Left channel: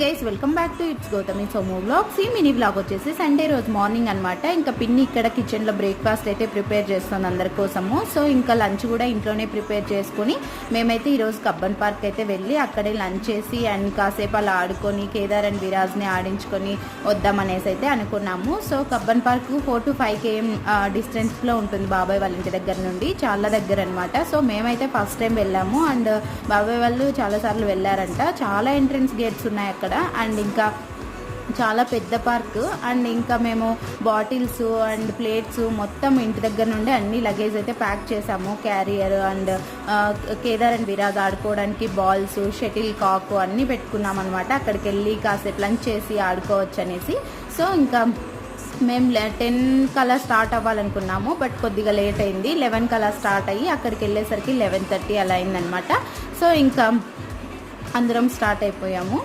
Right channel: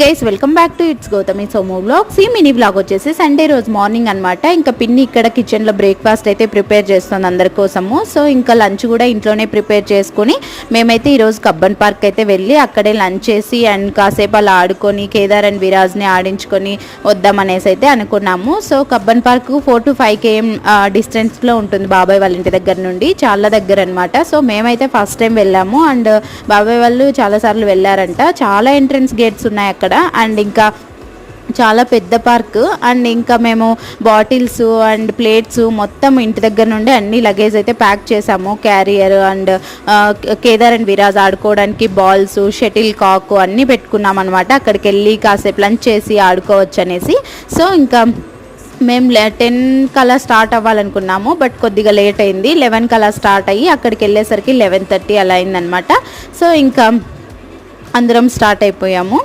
Guys welcome back to it's Gautami Somu vlogs. ఈ mini vlog వచ్చేసి Sunday రోజు మార్నింగ్ అనమాట. ఇంకా పిన్ని ఇక్కడ కిచెన్లో బ్రేక్ఫాస్ట్ అయితే ప్రిపేర్ చేస్తుంది అందరి కోసము. సో ఇంకా లంచ్ కూడా ఇంట్లోనే ప్రిపేర్ చేసుకొని మేమైతే ఈరోజు కబ్బన్ పార్క్ అయితే వెళ్ళి అక్కడే లంచ్ చేసి అండ్ కాసేపు అలా ఆడుకొని కేదార్ అండ్ విరాజ్ని ఆడించుకొని వద్దామనేసి అయితే అనుకున్నాము. So Cubbon park 4 to 5 km డిస్టెన్స్లో ఉంటుంది బాబాయ్ వాళ్ళ ఇంటి దగ్గర నుండి, చాలా దగ్గర అనమాట. సో మేమైతే ఫస్ట్ టైం వెళ్ళాము అండ్ బాబాయ్ వాళ్ళు చాలాసార్లు వెళ్ళారంట. చాలా ఎంట్రన్స్ గేట్స్ ఉన్నాయి అక్కడ అండ్ ఇంకా చాలా పెద్ద పార్క్. అండ్ ఇంకా మేము బాటిల్స్ అండ్ ప్లేట్స్ మొత్తం ఇంటి దగ్గర నుండి అన్ని లగేజ్ అయితే ప్యాక్ చేసాము. Carrier and Kedar and Viraj ఆడుకోవడానికి బాల్స్, షటిల్ కాక్ అన్నీ పెట్టుకున్నాం అనమాట. అక్కడికి వెళ్ళి కాసేపు లంచ్ చేసి ఆడుకోవచ్చు అనేసి. సో ఇంకా మేము 10 కలా స్టార్ట్ అవ్వాలనుకున్నాము, బట్ కొద్దిగా లేట్ అయింది. 11 కలా స్టార్ట్ అయ్యి అక్కడికి వెళ్ళేసరికి 11:30 అలా అయిందనమాట. సో ఇంకా అందరం స్టార్ట్ అయిపోయాము.